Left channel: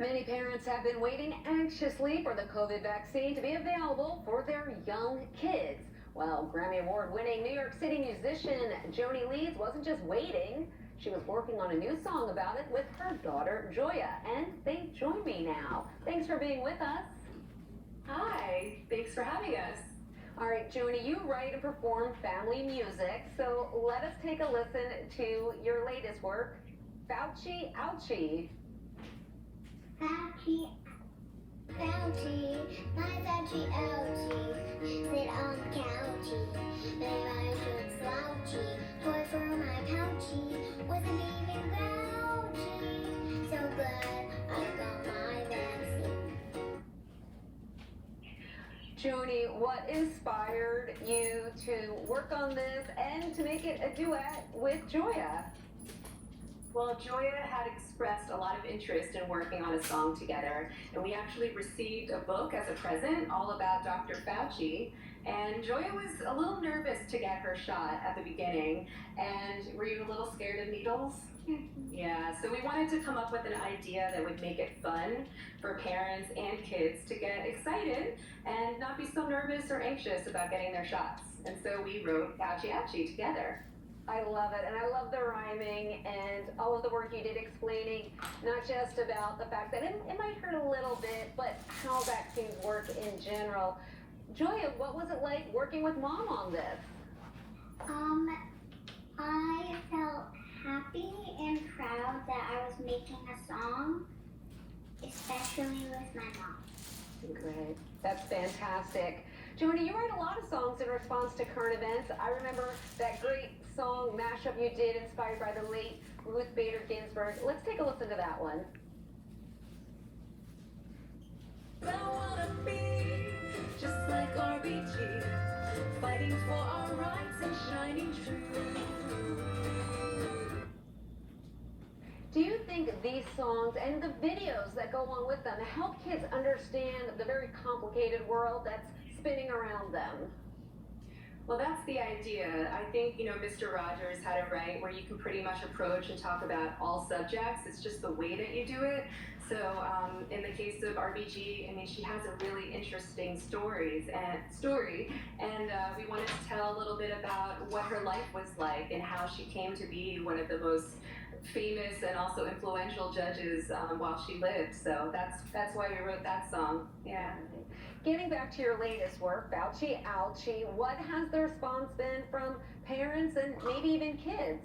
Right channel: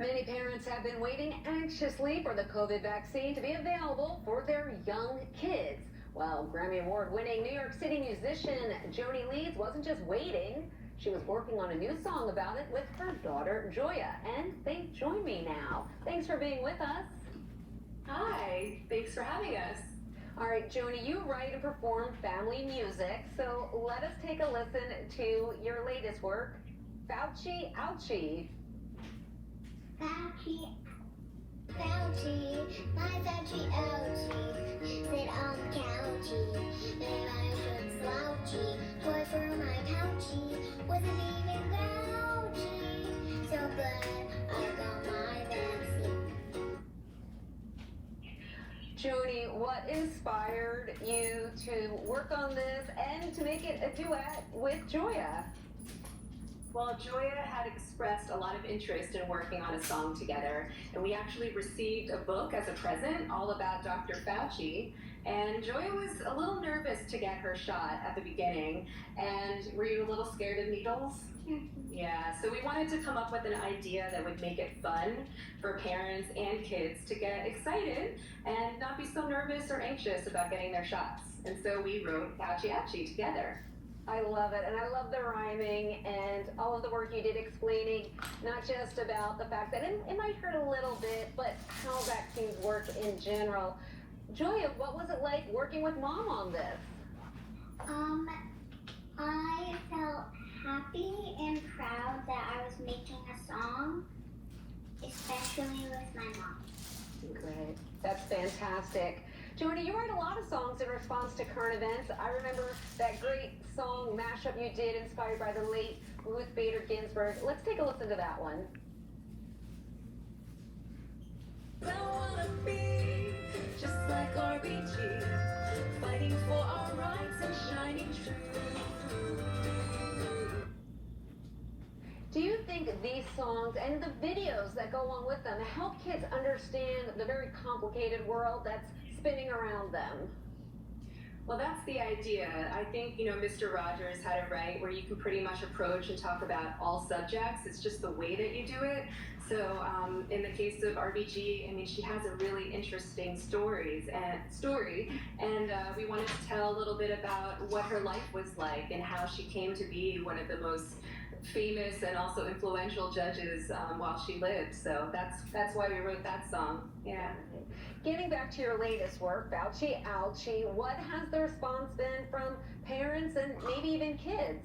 Many parents have been waiting anxiously for the COVID vaccine to be available for their young kids. Well, Grammy Award-winning New York City musician Joanie Leeds wasn't just waiting. She was working on a new song about it with her daughter, Joya, and they join me now. Thanks for being with us. Hi, thanks for having us. All right, Joanie, you write and perform family music, so let us take a listen to your latest work, Fauci Ouchie. Fauci, Fauci, my Fauci Ouchie, sit on the couchy, maybe I should slouchy, boy for my couchy, wasn't even grouchy, so good, I got my vaccine. Joanie, what inspired you to work on this and to make it a duet with Joya? Well, Joya had expressed a lot of interest in working on a song together, and we actually received a book as a present all about Dr. Fauci. And Joya was a little nervous to get her shot at the beginning. And were you a little scared of needles? Yeah, so we wanted to come up with an idea that would make it fun for parents and kids to get excited and not be so nervous or anxious about getting their shots. And so we wrote Fauci Ouchie together. I love it, and I love the rhyming and all of the work you did explaining not just about the fact that it might hurt a little bit, but how vaccines work in general. Joya, what was it like working with Mom on this? I felt happy and proud that I was making a song, especially with my mom. Great, that's fantastic. Joanie, you write a lot of songs in response to current events. I remember that great song mashup you did inspired by the late Ruth Bader Ginsburg. Let's take a listen to that one. I wanna be just like RBG, fighting for our rights and shining true. Do you think these songs and the videos that go along with them help kids understand the very complicated world that's spinning around them? Well, that's the idea. I think, Mr. Rogers had it right where you can pretty much approach and talk about all subjects. It's just the way that you do it. So in the case of RBG, I mean, she has a really interesting story, and we wanted to tell a little bit about what her life was like and how she came to be one of the most famous and also influential judges while she lived. So that's why we wrote that song. Yeah. Getting back to your latest work, Fauci Ouchie, what has the response been from parents and maybe even kids?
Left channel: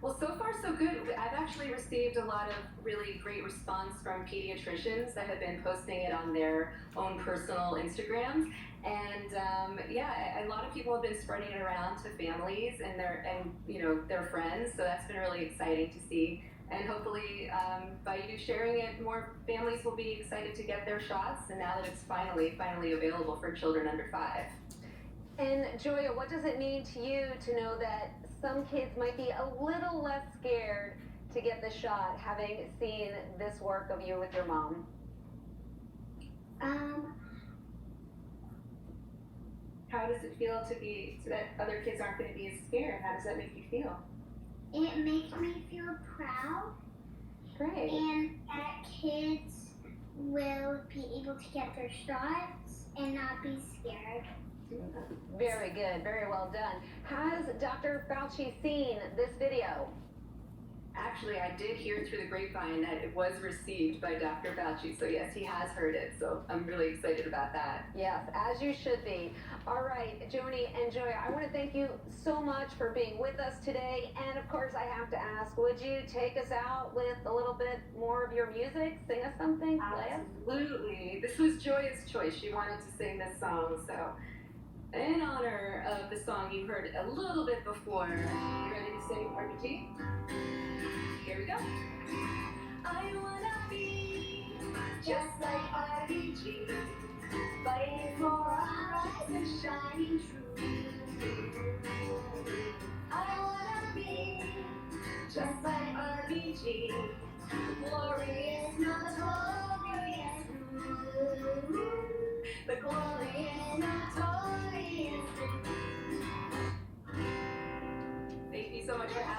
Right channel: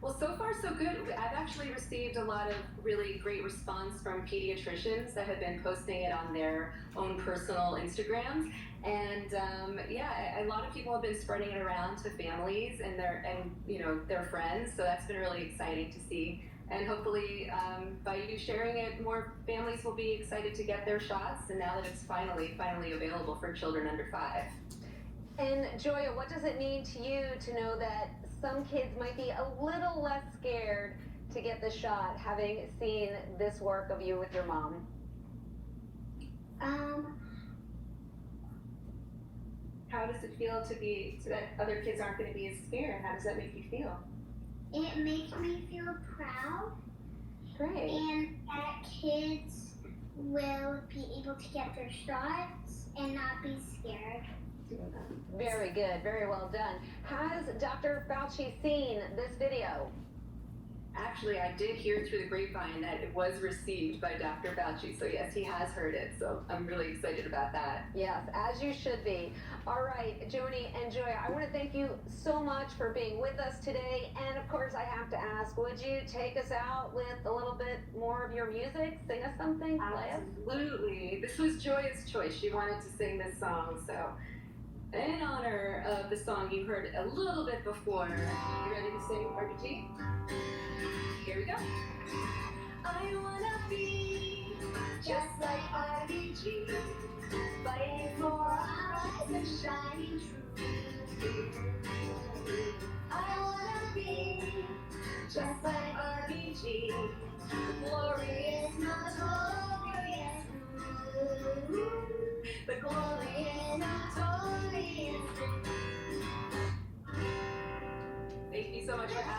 Well, so far so good. I've actually received a lot of really great response from pediatricians that have been posting it on their own personal Instagrams. And a lot of people have been spreading it around to families and their friends. So that's been really exciting to see. And hopefully, by you sharing it, more families will be excited to get their shots. And now that it's finally available for children under 5. And Joya, what does it mean to you to know that some kids might be a little less scared to get the shot, having seen this work of you with your mom? How does it feel to be, so that other kids aren't going to be as scared? How does that make you feel? It makes me feel proud. Great. And that kids will be able to get their shots and not be scared. Very good, very well done. Has Dr. Fauci seen this video? Actually, I did hear through the grapevine that it was received by Dr. Fauci. So yes, he has heard it. So I'm really excited about that. Yes, as you should be. All right, Joanie and Joya, I want to thank you so much for being with us today. And of course, I have to ask, would you take us out with a little bit more of your music? Sing us something? Absolutely. This was Joya's choice. She wanted to sing this song. So in honor of the song you heard a little bit before, you ready to sing RBG? Here we go. I wanna be just like RBG, fighting for our rights and shining true. I wanna be just like RBG, the glory is not glorious through. The glory is not glorious through. Thank you so much for having me.